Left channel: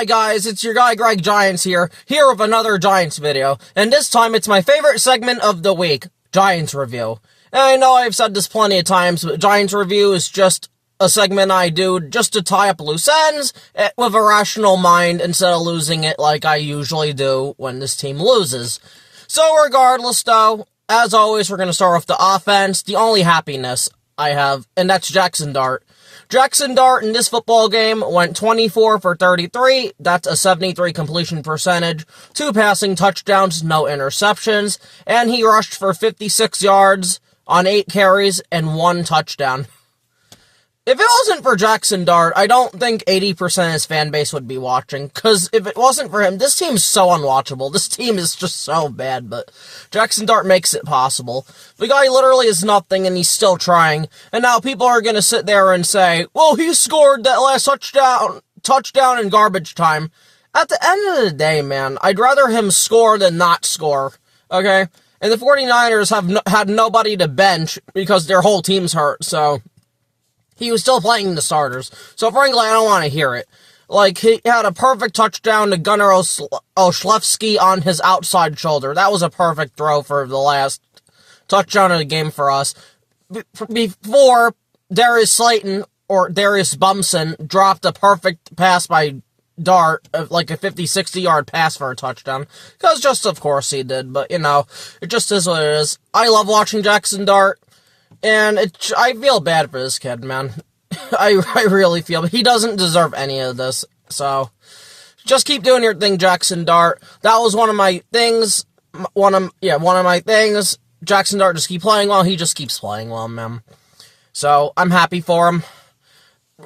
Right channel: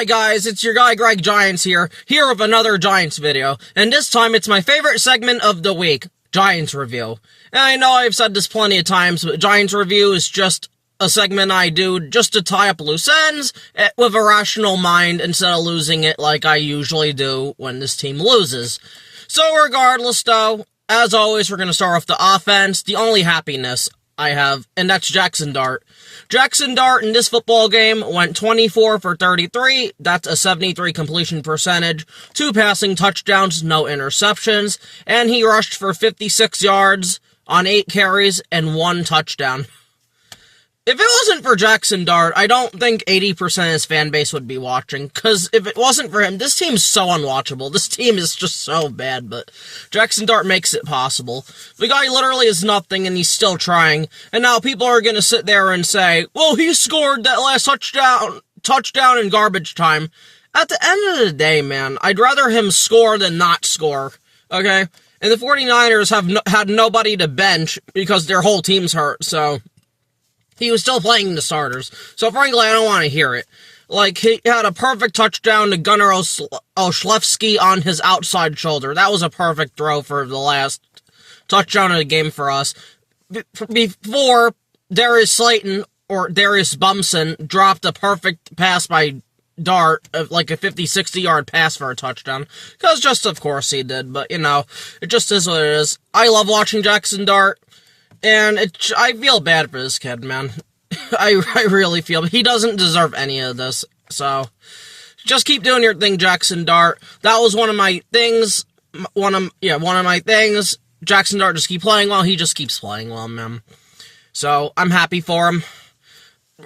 Hi guys, it's your guy Greg Giants here with another Giants video, and this time it's my favorite segment of the week, Giants Review. And I know I've said this plenty of times, but Giants Review is just a segment I do just to tie up loose ends with a rational mind instead of losing it like I usually do when this team loses. So regardless though, as always, we're going to start off the offense, the only happiness I have, and that's Jackson Dart. Jackson Dart in this football game went 24 for 33. That's a 73 completion percentage, 2 passing touchdowns, no interceptions, and he rushed for 56 yards on 8 carries and 1 touchdown. If it wasn't for Jackson Dart, I don't think 80% of his fan base would be watching, because if it wasn't for him, this team's so unwatchable. This team is just so bad, but Jackson Dart makes it possible. The guy literally is nothing, and he's still trying, and now people are going to sit there and say, well, he scored that last touchdown in garbage time. At the end of the day, man, I'd rather him score than not score, okay? And the 49ers have had nobody to bench because their whole team's hurt, so he was still playing the starters. So frankly, I don't want to hear it. Like, he had a perfect touchdown to Gunnar Olszewski on his outside shoulder. That was a perfect throw for the last touchdown of the game for us. Before Darius Slayton or Darius Bumson dropped a perfect pass by Dart, like a 50-60 yard pass for a touchdown. Because just of course he did, but you know, it just is what it is. I love watching Jackson Dart. And I feel bad for this kid, man. I really feel, he doesn't deserve any of this. So, just keep doing your thing, Jackson Dart. That was one of my things. One of my things. Jackson Dart just keep playing well. He just keeps playing well, man. So, I'm happy for him.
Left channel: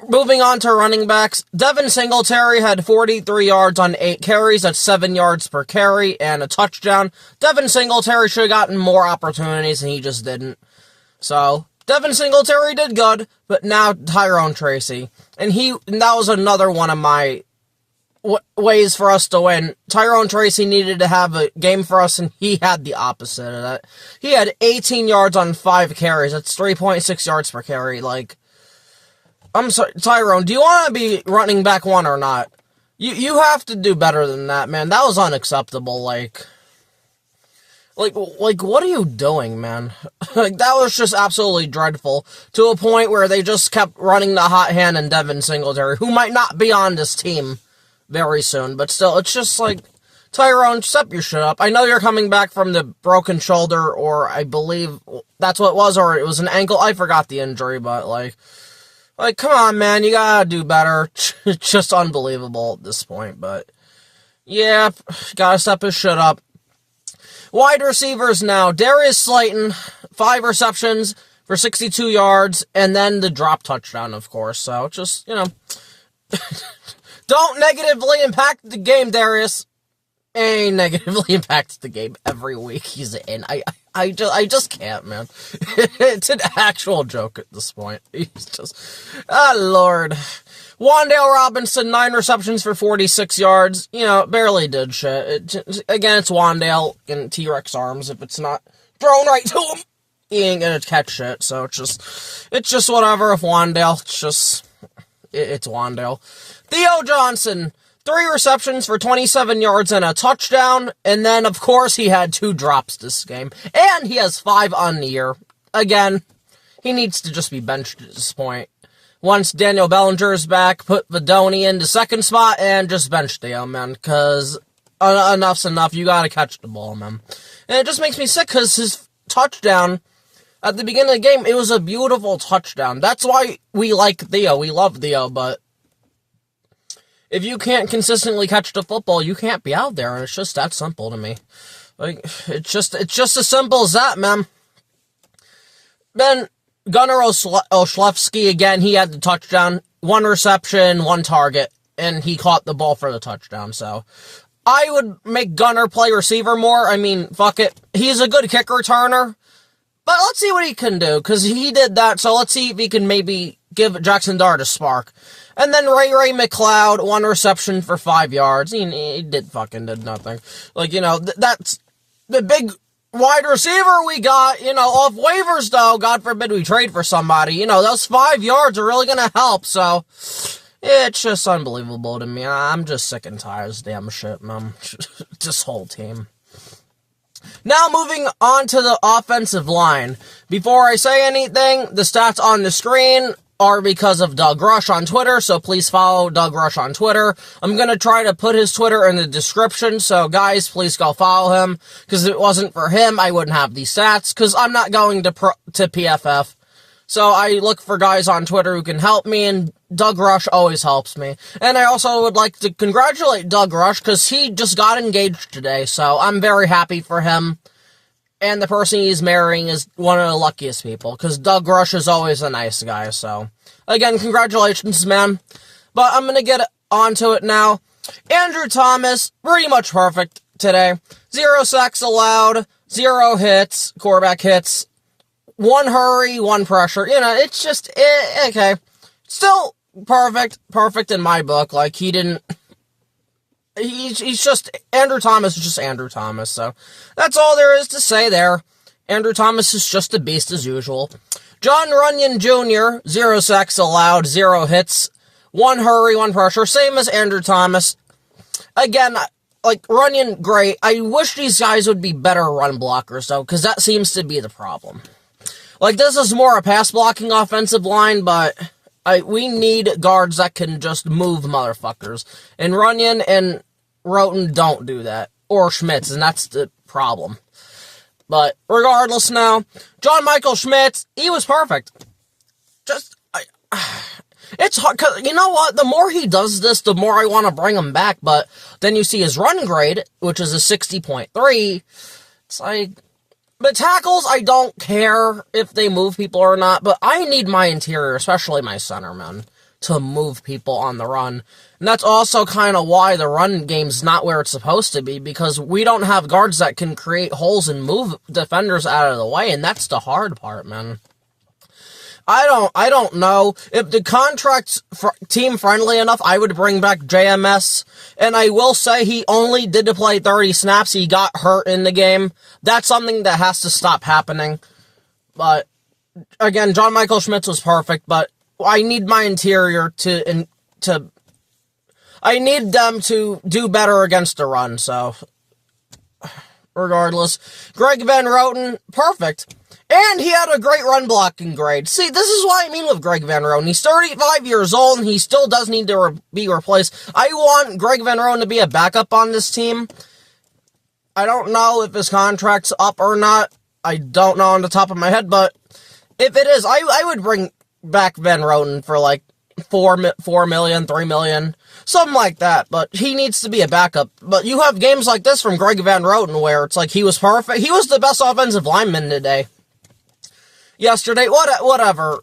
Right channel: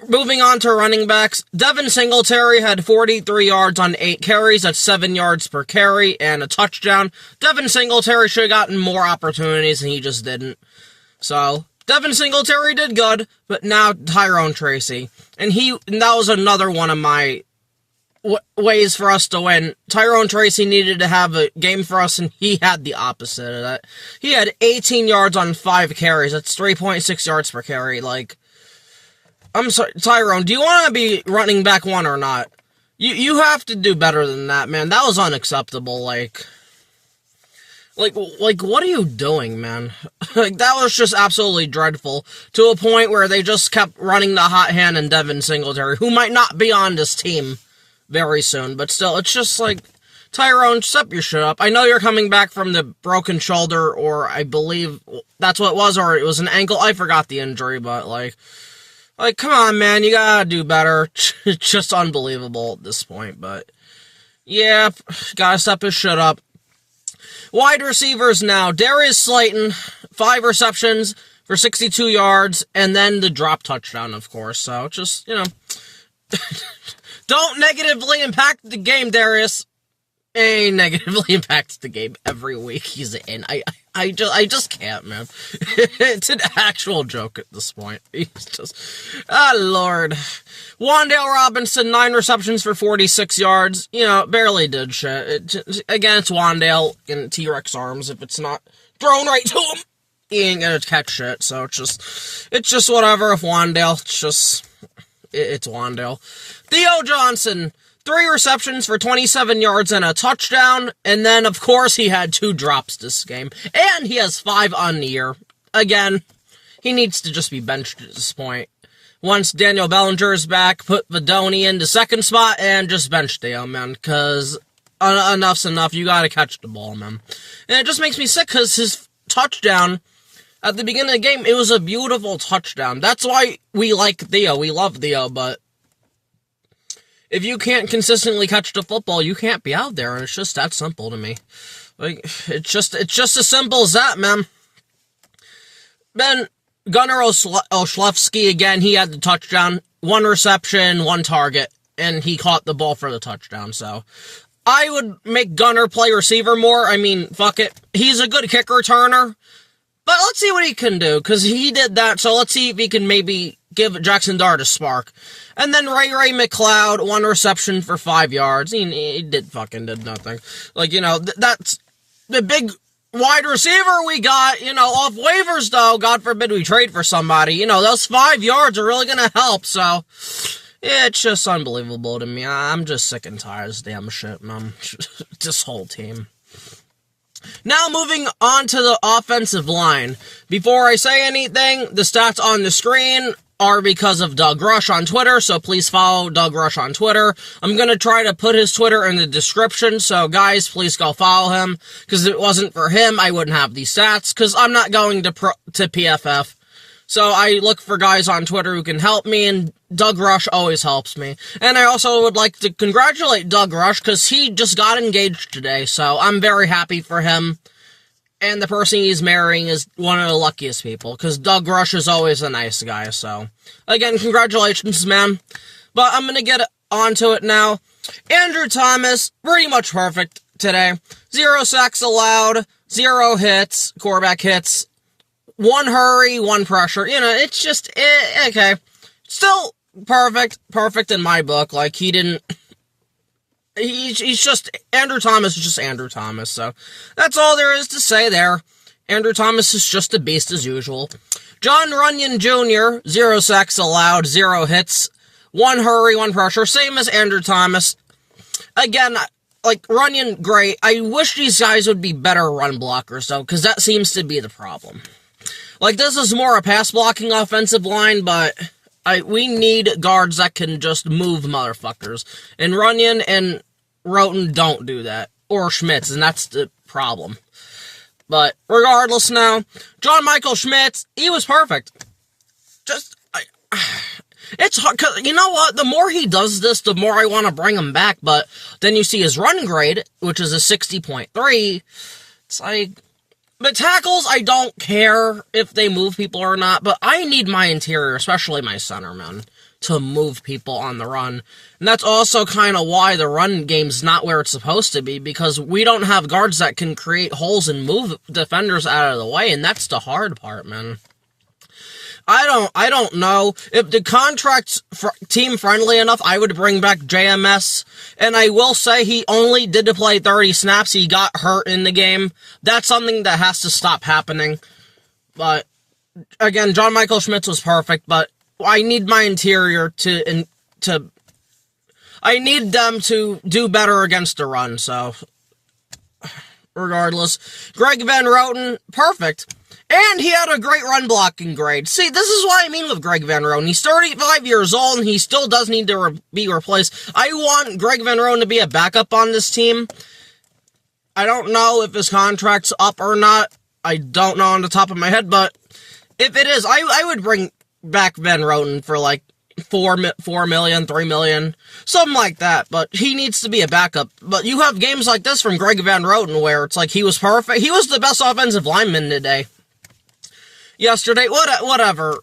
Moving on to running backs. Devin Singletary had 43 yards on 8 carries. That's 7 yards per carry and a touchdown. Devin Singletary should have gotten more opportunities, and he just didn't. So, Devin Singletary did good, but now Tyrone Tracy. And that was another one of my ways for us to win. Tyrone Tracy needed to have a game for us, and he had the opposite of that. He had 18 yards on 5 carries. That's 3.6 yards per carry. Like, I'm sorry, Tyrone, do you want to be running back 1 or not? You have to do better than that, man. That was unacceptable, Like, what are you doing, man? Like, that was just absolutely dreadful, to a point where they just kept running the hot hand in Devin Singletary, who might not be on this team very soon, but still, it's just like, Tyrone, step your shit up. I know you're coming back from the broken shoulder, or I believe that's what it was, or it was an ankle. I forgot the injury, but, like, come on, man, you gotta do better. It's just unbelievable at this point, but, yeah, gotta step his shit up. Wide receivers now. Darius Slayton, 5 receptions for 62 yards, and then the drop touchdown, of course. So, just, you know, don't negatively impact the game, Darius. He negatively impacts the game every week he's in. I just can't, man. It's an actual joke at this point. He's just, Lord. Wan'Dale Robinson, 9 receptions for 46 yards. You know, barely did shit. Again, it's Wan'Dale in T-Rex arms. If it's not thrown right to him, he ain't gonna catch shit. So it's just whatever. If Wan'Dale, it's Wan'Dale. Theo Johnson, 3 receptions for 27 yards and a touchdown, and then, of course, he had 2 drops this game. And he has 5 on the year. Again, he needs to just be benched at this point. Once Daniel Bellinger is back, put Vadoni in the second spot, and just bench Theo, man, because enough's enough. You gotta catch the ball, man. And it just makes me sick, because his touchdown at the beginning of the game, it was a beautiful touchdown. That's why we like Theo. We love Theo, but if you can't consistently catch the football, you can't be out there, and it's just that simple to me. Like, it's just as simple as that, man. Then, Gunnar Olszewski, again, he had the touchdown. 1 reception, 1 target, and he caught the ball for the touchdown, so I would make Gunnar play receiver more. I mean, fuck it. He's a good kick returner, but let's see what he can do, because he did that, so let's see if he can maybe give Jackson Dart a spark. And then Ray McLeod, 1 reception for 5 yards. He did nothing. Like, you know, that's the big wide receiver we got, you know, off waivers, though. God forbid we trade for somebody. You know, those 5 yards are really going to help. So, It's just unbelievable to me. I'm just sick and tired of this damn shit, man. This whole team. Now moving on to the offensive line. Before I say anything, the stats on the screen are because of Doug Rush on Twitter, so please follow Doug Rush on Twitter. I'm going to try to put his Twitter in the description, so guys, please go follow him, because if it wasn't for him, I wouldn't have these stats, because I'm not going to PFF. So I look for guys on Twitter who can help me, and Doug Rush always helps me. And I also would like to congratulate Doug Rush, because he just got engaged today, so I'm very happy for him. And the person he's marrying is one of the luckiest people, because Doug Rush is always a nice guy, so. Again, congratulations, man. But I'm going to get onto it now. Andrew Thomas, pretty much perfect today. 0 sacks allowed, 0 hits, quarterback hits, 1 hurry, 1 pressure. You know, it's just, okay. Still perfect in my book. Like, he didn't... He's just, Andrew Thomas is just Andrew Thomas, so that's all there is to say there. Andrew Thomas is just a beast as usual. John Runyon Jr., 0 sacks allowed, 0 hits, 1 hurry, 1 pressure, same as Andrew Thomas. Again, like, Runyon, great. I wish these guys would be better run blockers, though, because that seems to be the problem. Like, this is more a pass-blocking offensive line, but... we need guards that can just move motherfuckers. And Runyon and Roten don't do that. Or Schmitz, and that's the problem. But regardless now, John Michael Schmitz, he was perfect. Just, it's hard, cause you know what? The more he does this, the more I want to bring him back. But then you see his run grade, which is a 60.3. It's like... But tackles, I don't care if they move people or not, but I need my interior, especially my centerman, to move people on the run. And that's also kind of why the run game's not where it's supposed to be, because we don't have guards that can create holes and move defenders out of the way, and that's the hard part, man. I don't know. If the contract's team-friendly enough, I would bring back JMS. And I will say he only did to play 30 snaps. He got hurt in the game. That's something that has to stop happening. But, again, John Michael Schmitz was perfect, but I need my interior to I need them to do better against the run, so... Regardless. Greg Van Roten, perfect. And he had a great run blocking grade. See, this is what I mean with Greg Van Roten. He's 35 years old, and he still does need to be replaced. I want Greg Van Roten to be a backup on this team. I don't know if his contract's up or not. I don't know on the top of my head, but if it is, I would bring back Van Roten for like $4 million, $3 million, something like that. But he needs to be a backup. But you have games like this from Greg Van Roten where it's like he was perfect. He was the best offensive lineman today. Yesterday, whatever.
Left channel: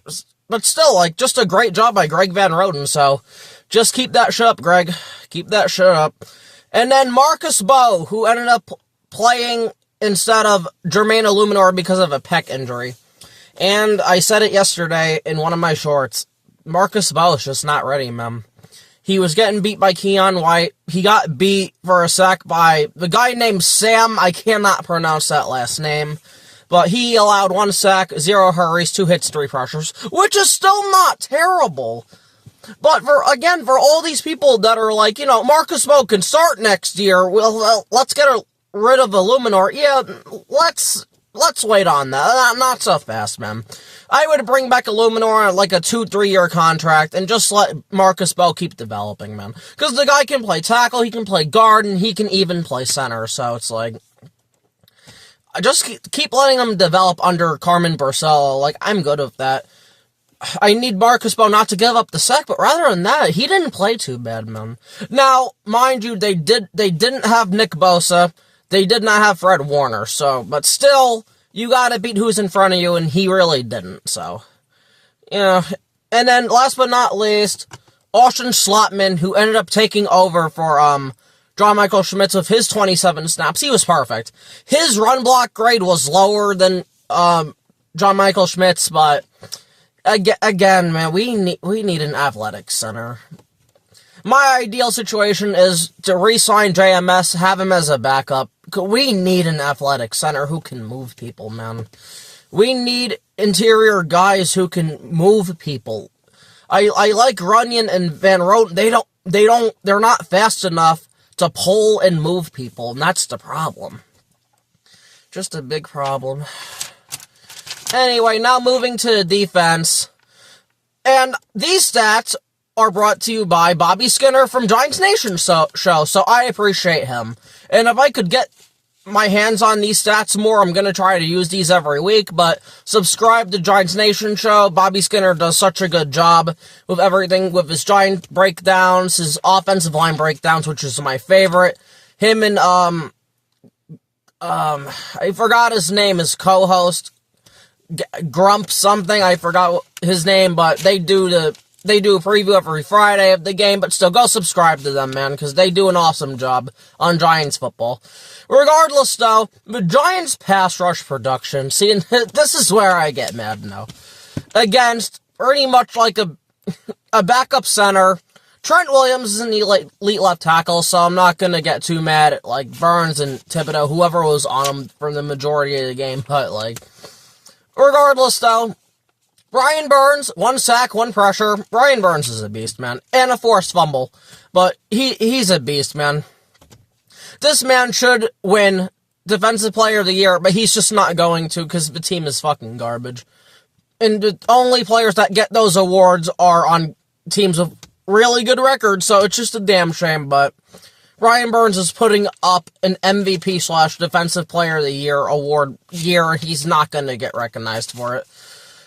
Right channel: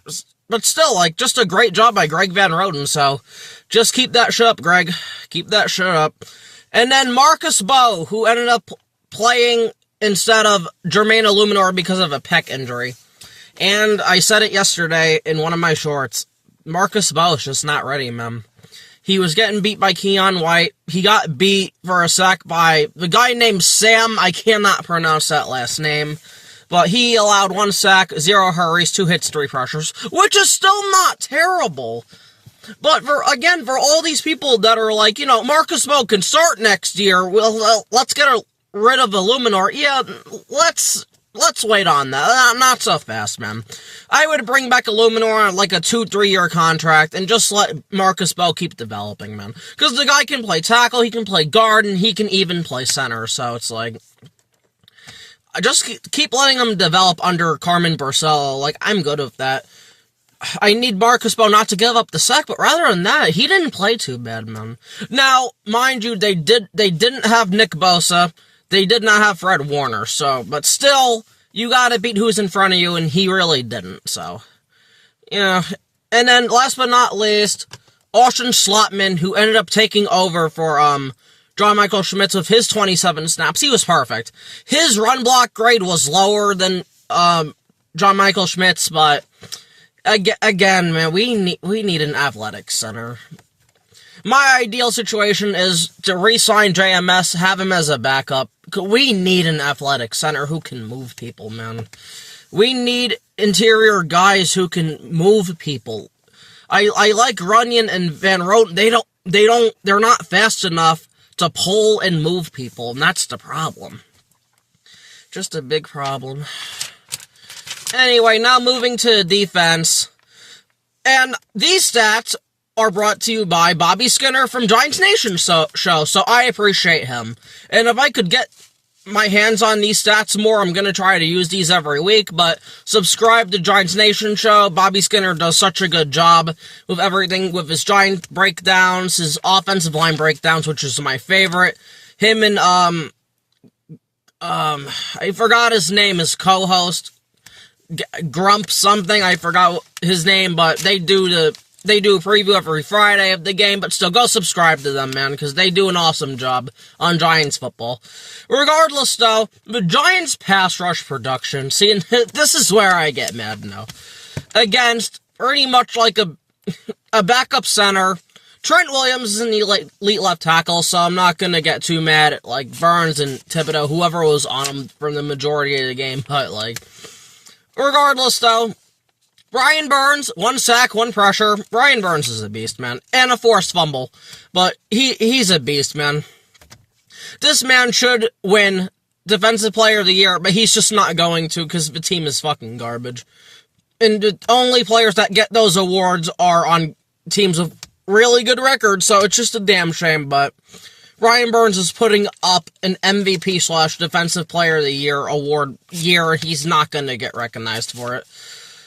But still, like, just a great job by Greg Van Roten, so just keep that shit up, Greg. Keep that shit up. And then Marcus Bowe, who ended up playing instead of Jermaine Illuminor because of a pec injury. And I said it yesterday in one of my shorts. Marcus Bowe is just not ready, man. He was getting beat by Keon White. He got beat for a sec by the guy named Sam. I cannot pronounce that last name. But he allowed 1 sack, 0 hurries, 2 hits, 3 pressures, which is still not terrible. But for all these people that are like, you know, Marcus Bowe can start next year, well, let's get rid of Illuminor. Yeah, let's wait on that. Not so fast, man. I would bring back Illuminor on like a 2-3 year contract and just let Marcus Bowe keep developing, man. Because the guy can play tackle, he can play guard, and he can even play center, so it's like... I just keep letting him develop under Carmen Barcelo. Like, I'm good with that. I need Marcus Bowe not to give up the sack, but rather than that, he didn't play too bad, man. Now, mind you, they didn't have Nick Bosa. They did not have Fred Warner, so, but still, you gotta beat who's in front of you, and he really didn't, so. You know, and then, last but not least, Austin Slotman, who ended up taking over for, John Michael Schmitz with his 27 snaps. He was perfect. His run block grade was lower than John Michael Schmitz, but again, man, we need an athletic center. My ideal situation is to re-sign JMS, have him as a backup. We need an athletic center who can move people, man. We need interior guys who can move people. I like Runyon and Van Roten. They're not fast enough to pull and move people, and that's the problem. Just a big problem. Anyway, now moving to defense. And these stats are brought to you by Bobby Skinner from Giants Nation show, so I appreciate him. And if I could get my hands on these stats more, I'm going to try to use these every week, but subscribe to Giants Nation show. Bobby Skinner does such a good job with everything, with his Giant breakdowns, his offensive line breakdowns, which is my favorite. Him and, I forgot his name, his co-host, Grump something, I forgot his name, but they do a preview every Friday of the game, but still, go subscribe to them, man, because they do an awesome job on Giants football. Regardless, though, the Giants pass rush production, see, this is where I get mad now, against pretty much like a backup center. Trent Williams is an elite left tackle, so I'm not going to get too mad at, like, Burns and Thibodeau, whoever was on him for the majority of the game, but, like, regardless, though, Brian Burns, 1 sack, 1 pressure. Brian Burns is a beast, man. And a forced fumble. But he's a beast, man. This man should win Defensive Player of the Year, but he's just not going to because the team is fucking garbage. And the only players that get those awards are on teams with really good records, so it's just a damn shame, but Brian Burns is putting up an MVP/Defensive Player of the Year award year, and he's not going to get recognized for it.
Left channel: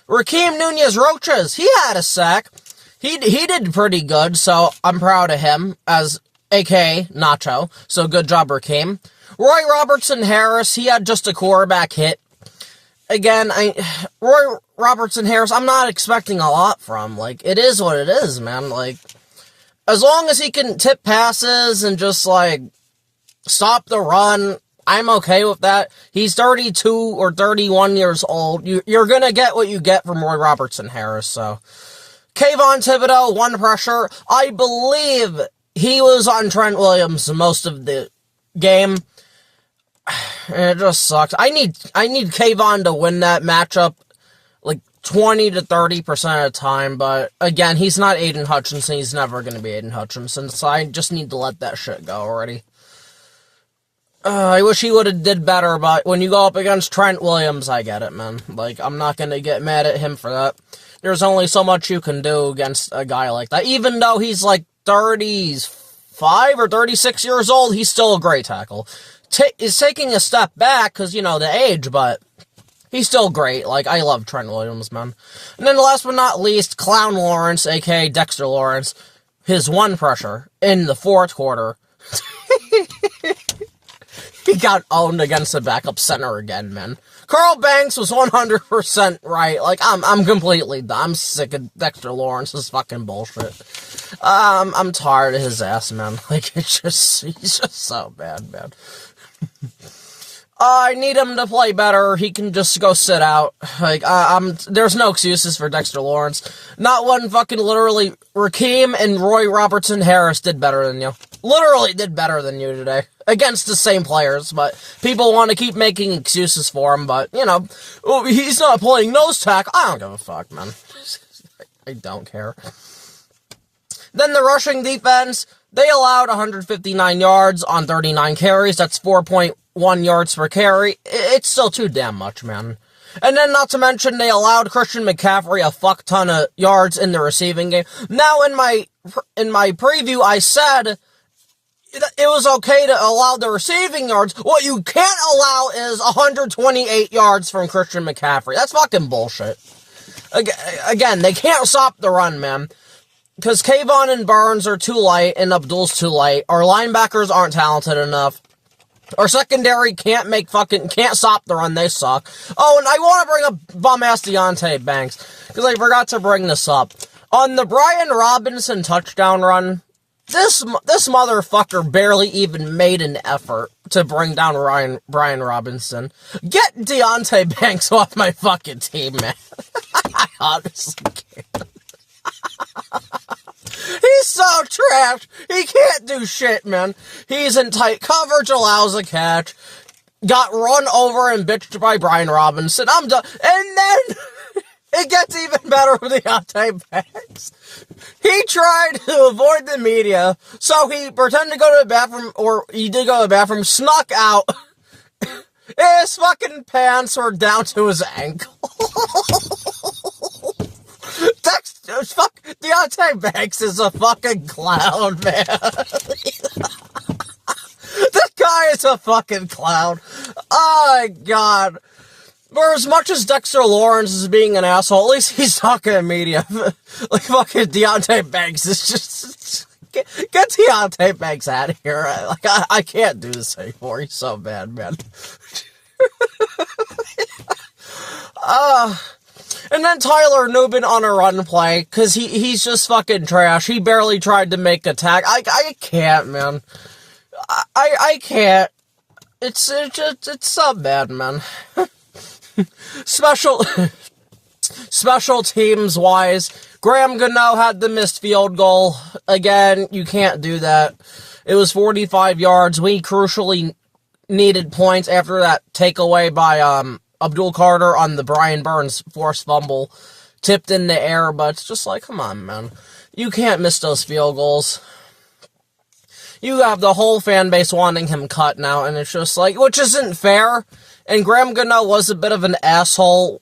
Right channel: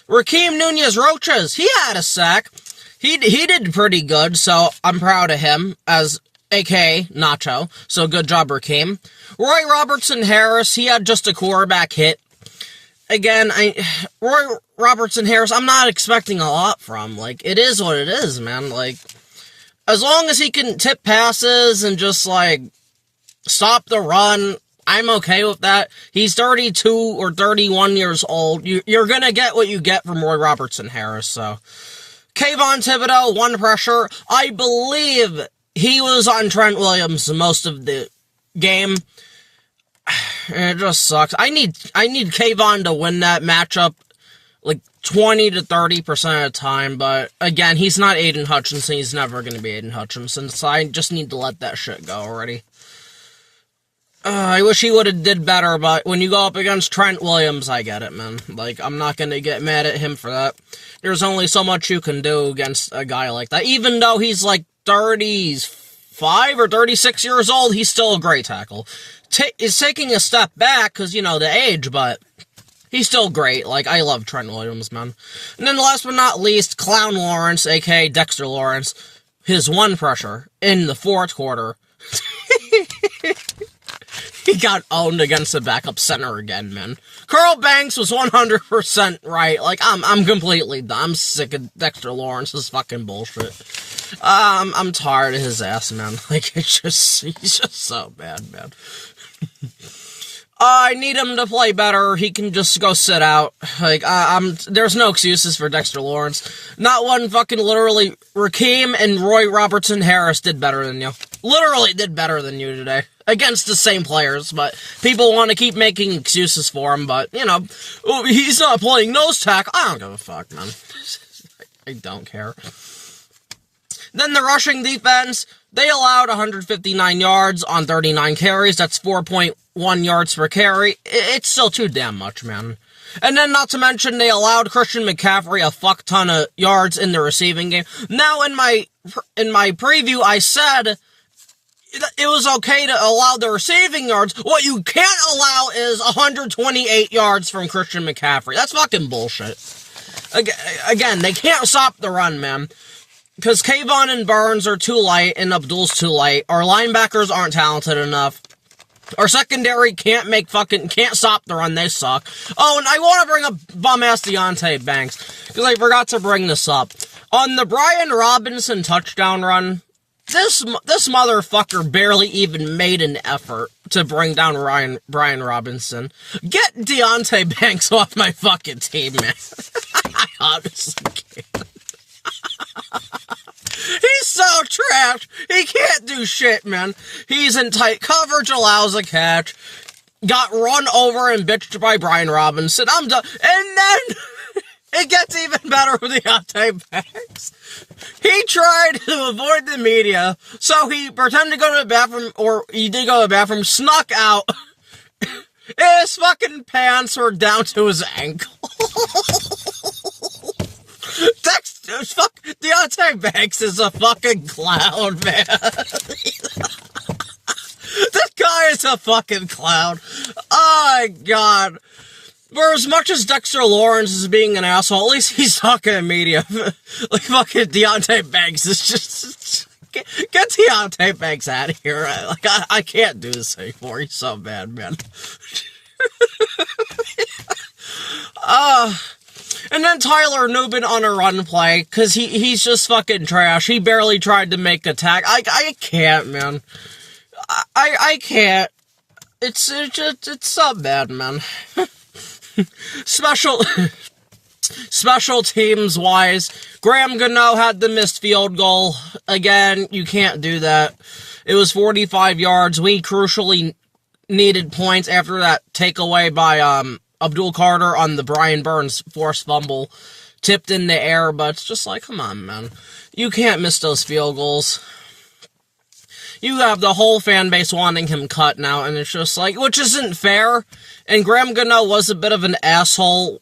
Rakeem Nunez-Roches, he had a sack. He did pretty good, so I'm proud of him, as a.k.a. Nacho. So good job, Rakeem. Roy Robertson-Harris, he had just a quarterback hit. Again, Roy Robertson-Harris, I'm not expecting a lot from. Like, it is what it is, man. Like, as long as he can tip passes and just, like, stop the run, I'm okay with that. He's 32 or 31 years old. You're gonna get what you get from Roy Robertson-Harris, so. Kayvon Thibodeau, 1 pressure. I believe he was on Trent Williams most of the game. It just sucks. I need Kayvon to win that matchup like 20 to 30% of the time, but again, he's not Aiden Hutchinson. He's never gonna be Aiden Hutchinson, so I just need to let that shit go already. I wish he would have did better, but when you go up against Trent Williams, I get it, man. Like, I'm not going to get mad at him for that. There's only so much you can do against a guy like that. Even though he's like 35 or 36 years old, he's still a great tackle. He's taking a step back because, you know, the age, but he's still great. Like, I love Trent Williams, man. And then last but not least, Clown Lawrence, a.k.a. Dexter Lawrence, his 1 pressure in the 4th quarter. He got owned against the backup center again, man. Carl Banks was 100% right. Like, I'm completely done. I'm sick of Dexter Lawrence's fucking bullshit. I'm tired of his ass, man. Like, he's just so bad, man. I need him to play better. He can just go sit out. Like, there's no excuses for Dexter Lawrence. Not one fucking literally. Rakeem and Roy Robertson-Harris did better than you. Literally did better than you today. Against the same players, but people want to keep making excuses for him, but, you know, he's not playing nose tackle. I don't give a fuck, man. I don't care. Then the rushing defense, they allowed 159 yards on 39 carries. That's 4.1 yards per carry. It's still too damn much, man. And then, not to mention, they allowed Christian McCaffrey a fuck ton of yards in the receiving game. Now, in my preview, I said it was okay to allow the receiving yards. What you can't allow is 128 yards from Christian McCaffrey. That's fucking bullshit. Again, they can't stop the run, man. Because Kayvon and Burns are too light, and Abdul's too light. Our linebackers aren't talented enough. Our secondary can't stop the run. They suck. Oh, and I want to bring up bum-ass Deonte Banks, because I forgot to bring this up. On the Brian Robinson touchdown run, this motherfucker barely even made an effort to bring down Brian Robinson. Get Deonte Banks off my fucking team, man. I honestly can't. He's so trash. He can't do shit, man. He's in tight coverage, allows a catch. Got run over and bitched by Brian Robinson. I'm done. And It gets even better with Deontay Banks. He tried to avoid the media, so he pretended to go to the bathroom, or he did go to the bathroom, snuck out. His fucking pants were down to his ankle. Fuck, Deontay Banks is a fucking clown, man. This guy is a fucking clown. Oh my god. For as much as Dexter Lawrence is being an asshole, at least he's talking to media. Like fucking Deontay Banks is just... Get Deontay Banks out of here. I can't do this anymore. He's so bad, man. And then Tyler Nubin on a run play, because he's just fucking trash. He barely tried to make a tag. I can't, man. I can't. It's so bad, man. Special teams wise, Graham Gano had the missed field goal. Again, you can't do that. It was 45 yards. We crucially needed points after that takeaway by Abdul Carter on the Brian Burns forced fumble, tipped in the air, but it's just like, come on, man. You can't miss those field goals. You have the whole fan base wanting him cut now, and it's just like, which isn't fair. And Graham Gano was a bit of an asshole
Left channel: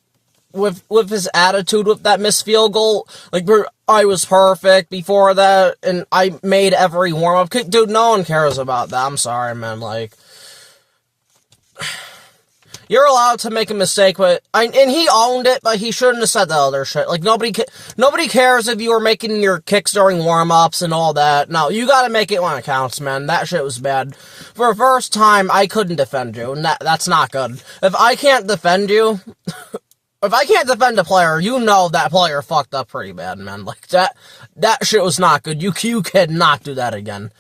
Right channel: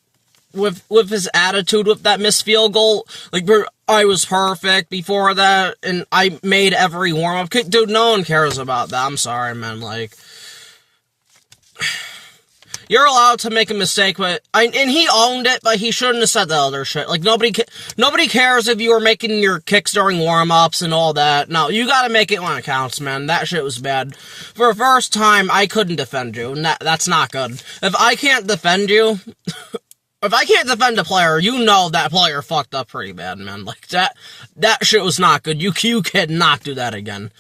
with his attitude with that missed field goal. Like, I was perfect before that, and I made every warm-up. Dude, no one cares about that. I'm sorry, man. Like, you're allowed to make a mistake, and he owned it, but he shouldn't have said the other shit. Like, nobody cares if you were making your kicks during warm-ups and all that. No, you gotta make it when it counts, man. That shit was bad. For the first time, I couldn't defend you, and that's not good. If I can't defend you, if I can't defend a player, you know that player fucked up pretty bad, man. Like, that shit was not good. You cannot do that again.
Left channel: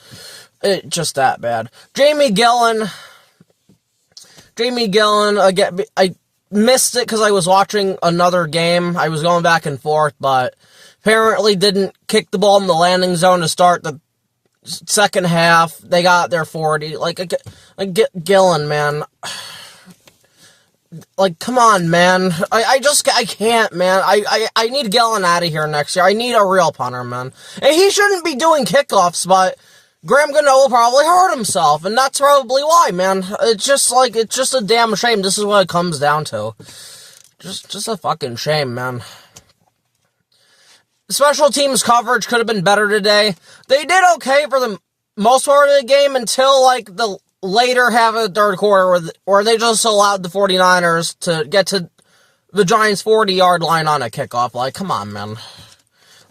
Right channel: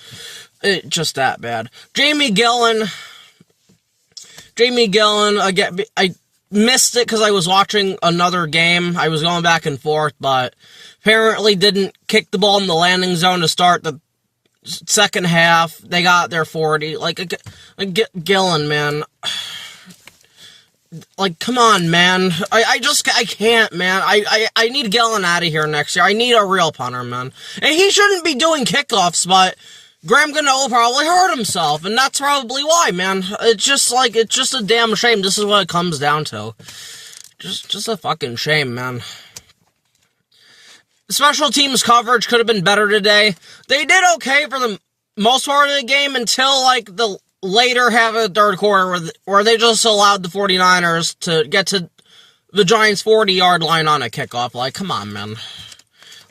It just that bad. Jamie Gillen, again, I missed it because I was watching another game. I was going back and forth, but apparently didn't kick the ball in the landing zone to start the second half. They got their 40. Like Gillen, man. Like, come on, man. I can't, man. I need Gillen out of here next year. I need a real punter, man. And he shouldn't be doing kickoffs, but Graham Gano probably hurt himself, and that's probably why, man. It's just a damn shame. This is what it comes down to. Just a fucking shame, man. Special teams coverage could have been better today. They did okay for the most part of the game until, like, the later half of the third quarter where they just allowed the 49ers to get to the Giants' 40-yard line on a kickoff. Like, come on, man.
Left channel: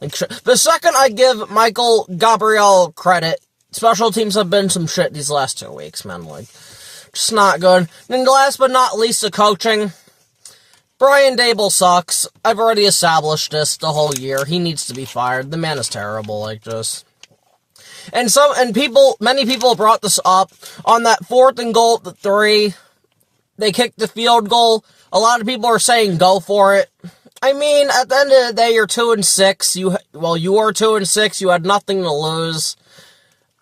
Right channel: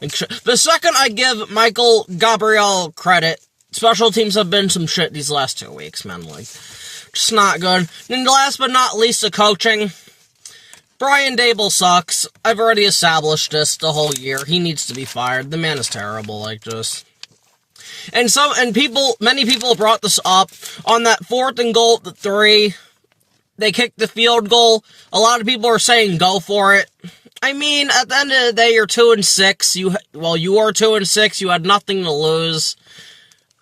Like, the second I give Michael Gabriel credit, special teams have been some shit these last 2 weeks, man. Like, just not good. And last but not least, the coaching. Brian Daboll sucks. I've already established this the whole year. He needs to be fired. The man is terrible, like, just. And many people brought this up on that 4th and goal at the 3. They kicked the field goal. A lot of people are saying go for it. I mean, at the end of the day, you're 2-6. You were 2-6. You had nothing to lose.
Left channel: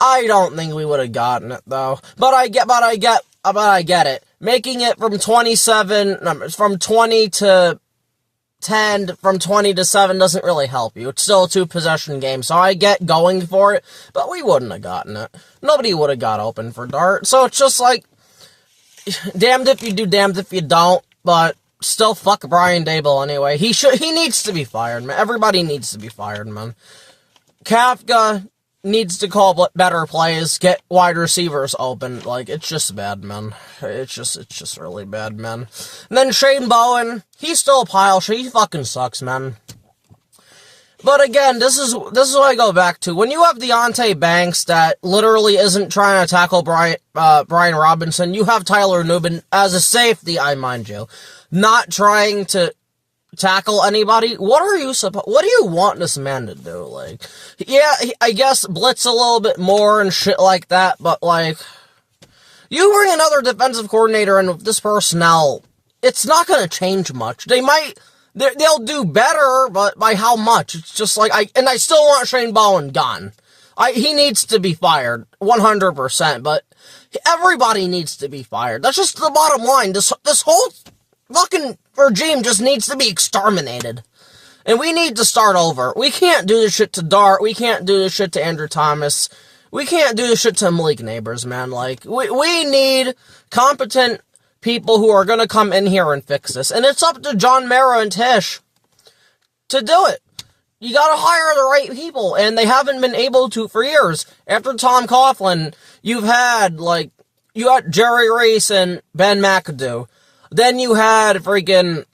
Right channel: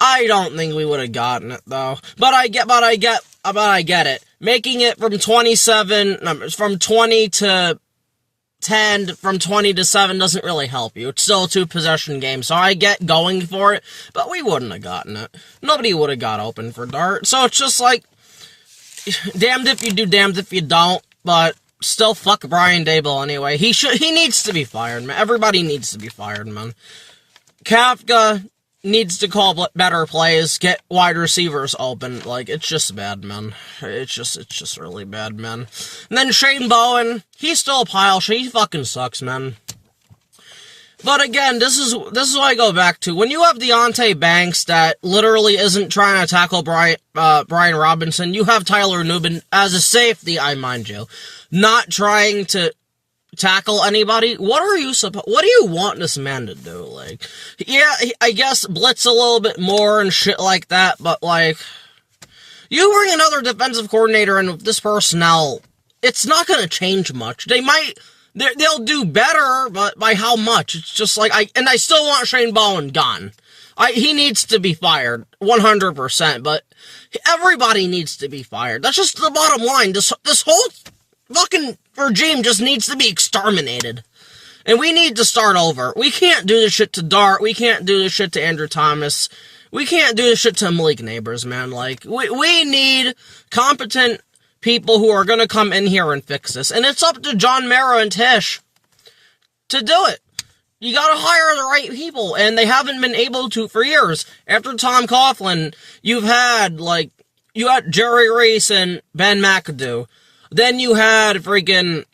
I don't think we would have gotten it though. But I get it. Making it from 20 to 10, from 20 to 7 doesn't really help you. It's still a 2-possession game, so I get going for it, but we wouldn't have gotten it. Nobody would have got open for Dart. So it's just like, damned if you do, damned if you don't, but still fuck Brian Daboll anyway. He needs to be fired, man. Everybody needs to be fired, man. Kafka needs to call better plays, get wide receivers open. Like, it's just bad, man. It's just really bad, man. And then Shane Bowen, he's still a pile of shit. He fucking sucks, man. But again, this is what I go back to. When you have Deontay Banks that literally isn't trying to tackle Brian Robinson, you have Tyler Nubin as a safety, I mind you, not trying to tackle anybody. What do you want this man to do? Like, yeah, I guess blitz a little bit more and shit like that, but like, you bring another defensive coordinator in with this personnel, it's not gonna change much. They'll do better, but by how much? It's just like, I still want Shane Bowen gone. He needs to be fired, 100%, but everybody needs to be fired. That's just the bottom line. This whole fucking regime just needs to be exterminated. And we need to start over. We can't do this shit to Dart. We can't do this shit to Andrew Thomas. We can't do this shit to Malik Neighbors, man. Like, we need competent people who are gonna come in here and fix this. And it's up to John Mara and Tish to do it. You gotta hire the right people, and they haven't been able to for years. After Tom Coughlin, you had Jerry Reese and Ben McAdoo. Then you had freaking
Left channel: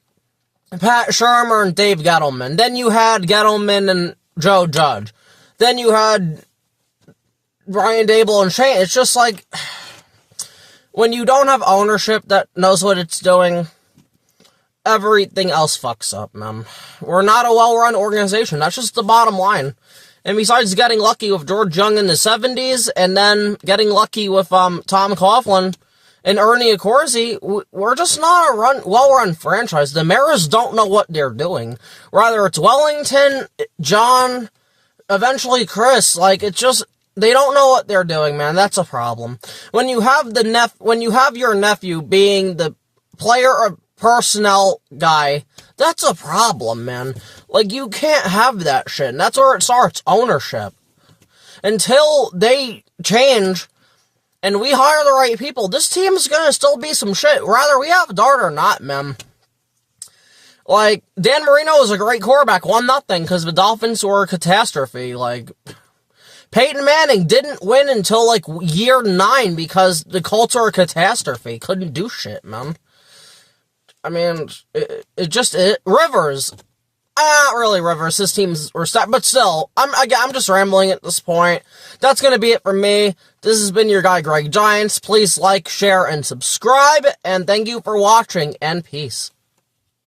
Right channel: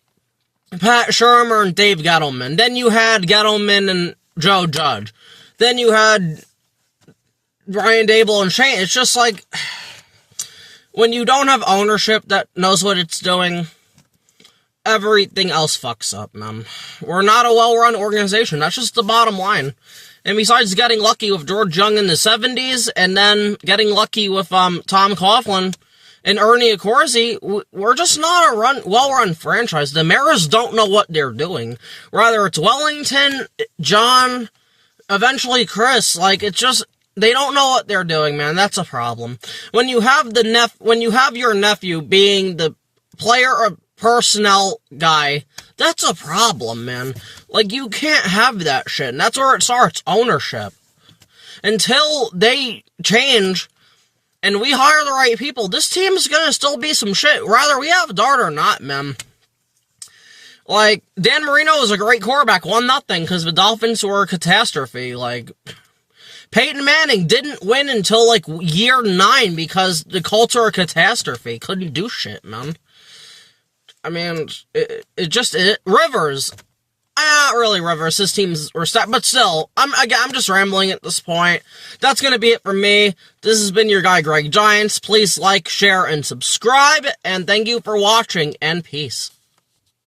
Pat Shermer and Dave Gettleman. Then you had Gettleman and Joe Judge. Then you had Brian Dable and Shane. It's just like, when you don't have ownership that knows what it's doing, everything else fucks up, man. We're not a well-run organization. That's just the bottom line. And besides getting lucky with George Young in the 70s, and then getting lucky with Tom Coughlin and Ernie Accorsi, we're just not a well-run franchise. The Maras don't know what they're doing. Whether it's Wellington, John, eventually Chris, like, it's just, they don't know what they're doing, man. That's a problem. When you have your nephew being the player or personnel guy, that's a problem, man. Like, you can't have that shit. And that's where it starts, ownership. Until they change and we hire the right people, this team's gonna still be some shit, whether we have Dart or not, man. Like, Dan Marino was a great quarterback, 1-0, because the Dolphins were a catastrophe. Like, Peyton Manning didn't win until, like, year 9 because the Colts are a catastrophe. Couldn't do shit, man. I mean, Rivers. Not really Rivers. His teams were stacked, but still, I'm just rambling at this point. That's gonna be it for me. This has been your guy, Greg Giants. Please like, share, and subscribe, and thank you for watching, and peace.